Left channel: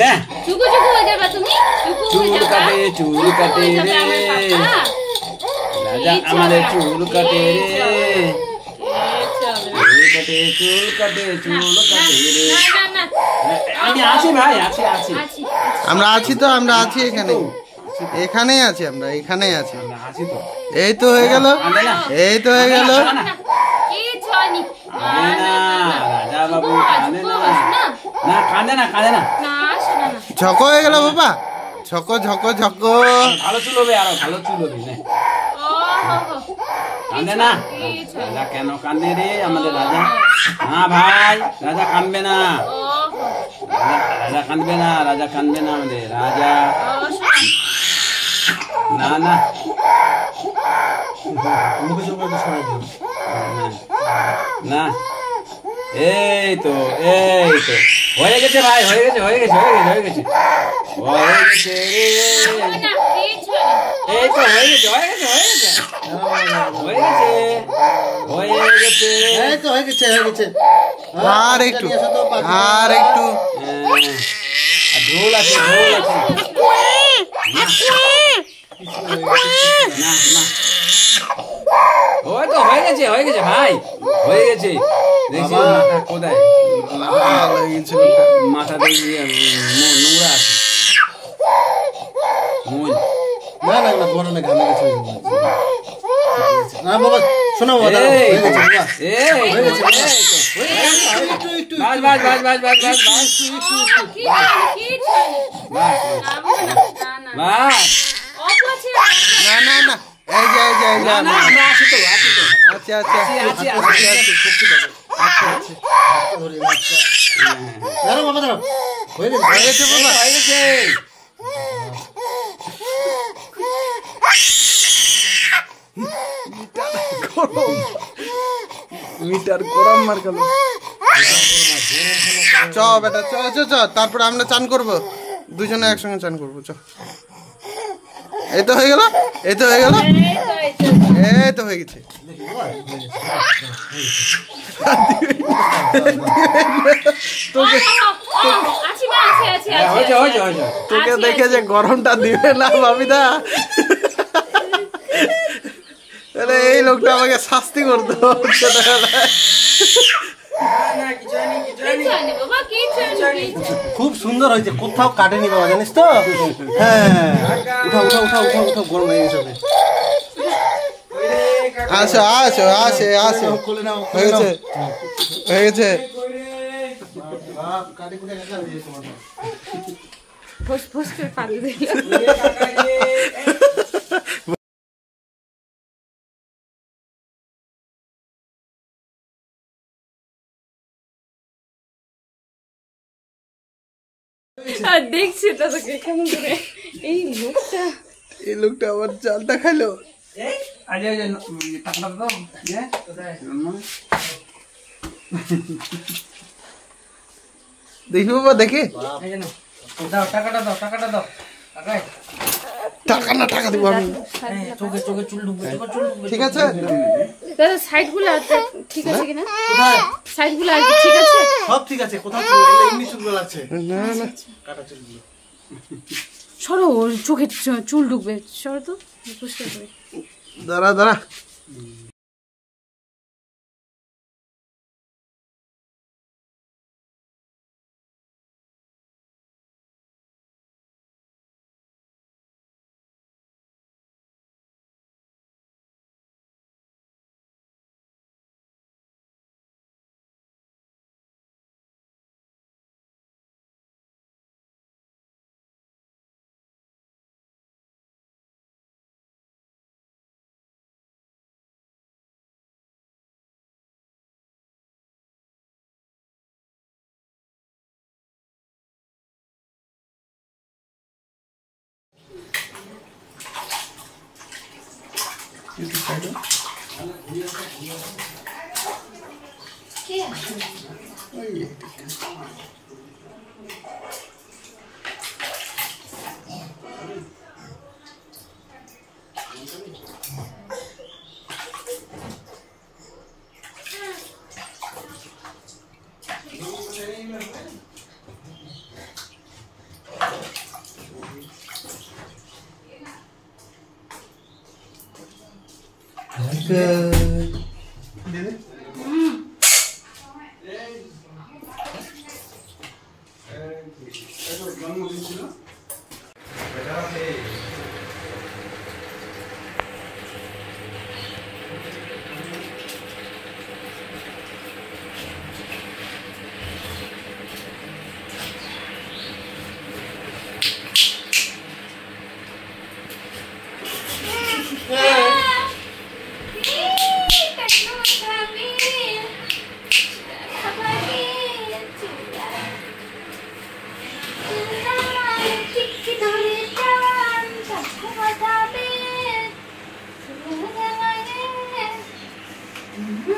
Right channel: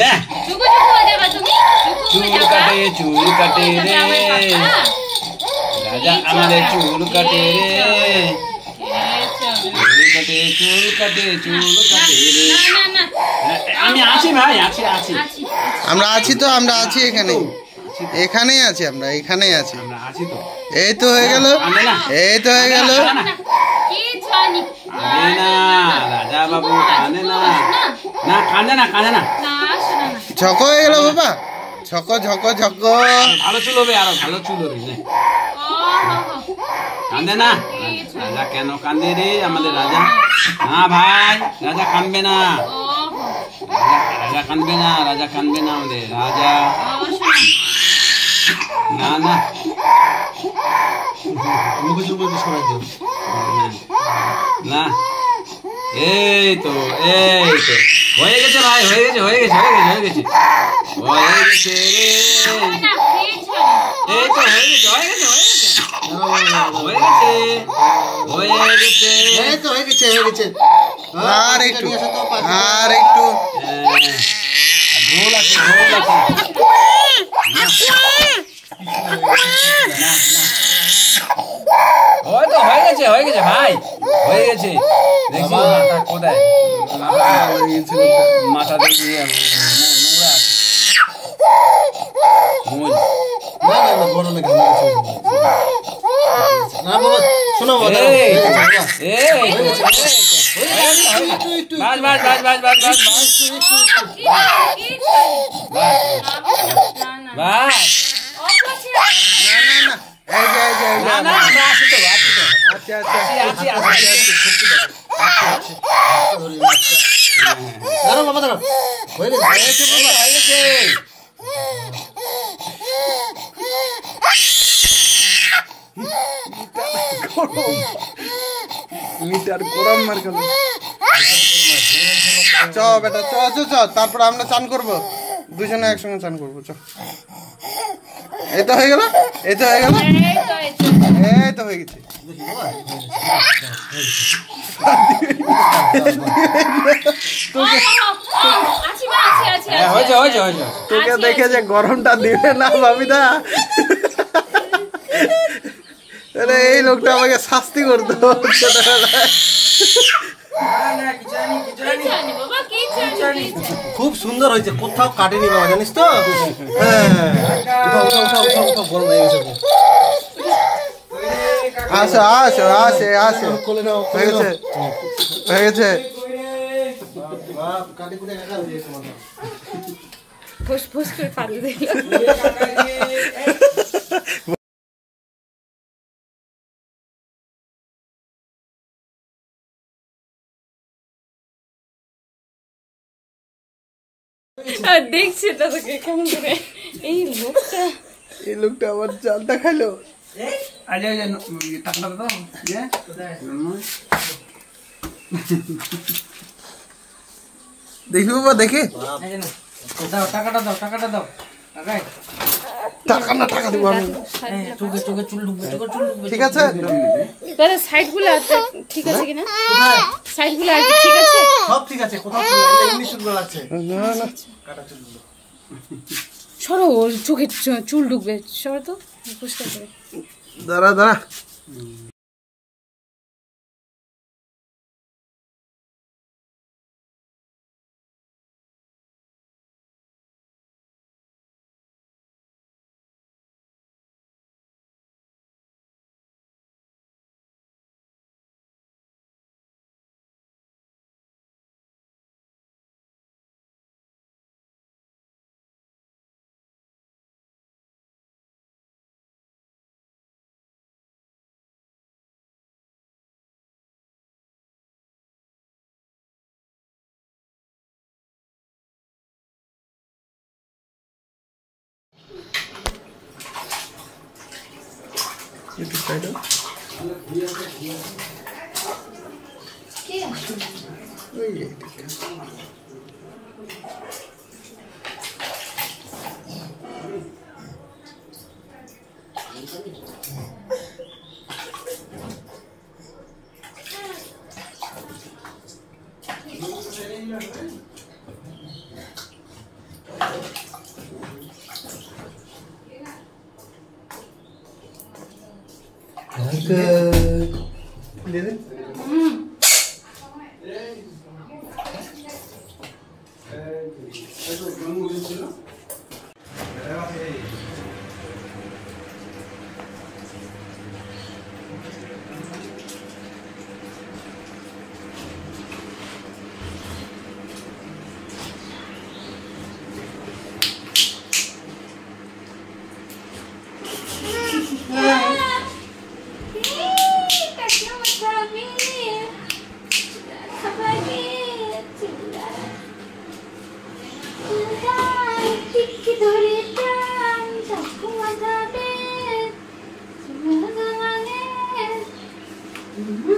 না চুকু চুকু হয়ে যাবে তুমি চুল কাটে রে রাজা আমাদের চুল কাটে রে চুল কাটে রে আমি আছি ভাই আছি আমরা আছি তো, আমরা আছি এখানেই আছি, আমরা এখানেই আছি। এই তো হয়ে গেল, এই তো হয়ে গেল। রাজা বাবু কাঁদে না, না কাঁদে না, কাঁদে না। ঝকো হয়ে গেল বাবা, ঝকো ঝকো ঝকো। ভালো চুল হবে, আরো ভালো চুল হবে। কাঁদে না রাজা, কেন কাঁদে রে আমাদের রাজা? না ভাই, রাজা কাঁদবে না, রাজা কাঁদবে না, রাজা কাঁদবে না আমাদের রাজা। না না না, এই তো হয়ে গেছে ভাই, হয়ে গেছে এই তো হয়ে গেছে। আর একটু, আর একটু। ঢোল আছে, হয়ে গেছে ভাই, হয়ে গেছে। দেখছি মাথা কোথায়, মাথা দেখি নোংরা আছে। চ বেটা, চ চ চ, তারপর আমরা চান করবো, দুজনে একসঙ্গে চান করবো। চ, এই তো হয়ে গেল, এই তো হয়ে গেল, এই তো হয়ে গেছে। তোকে দেখে যে গরমটা দিবে না ভাবিদা, এই লোকটা আমাকে শাস্তি করতো ছোটবেলায়। খুব সুন্দর হয়েছে, কোথাও কাটেনি বাবা, জানিস তো? আসো আসো আসে আসো, হয়ে গেছে, হয়ে গেছে। ফুস করে পানি দিল। দেখছি তোকে কেমন করে, এই লোকটা আমার চালটা খাইলো। দেখি বাবা, দেখি টাকাটা দাও, টাকাটা দাও। টাকা না, টাকা দিব আমি। ঠিক আছে দাদা, সাইডগুলো ঠিক আছে কিনা? সাইডগুলো ঠিক আছে, সব ঠিক আছে। কোথাও ইংলিশ চুলগুলো আছে না না, কাটা চুলগুলো। সরো, ওর চোখে চুল ঢুকবে, সরো তো পরিষ্কার করে। দাঁড়া দাঁড়া, দিদি Mm-hmm.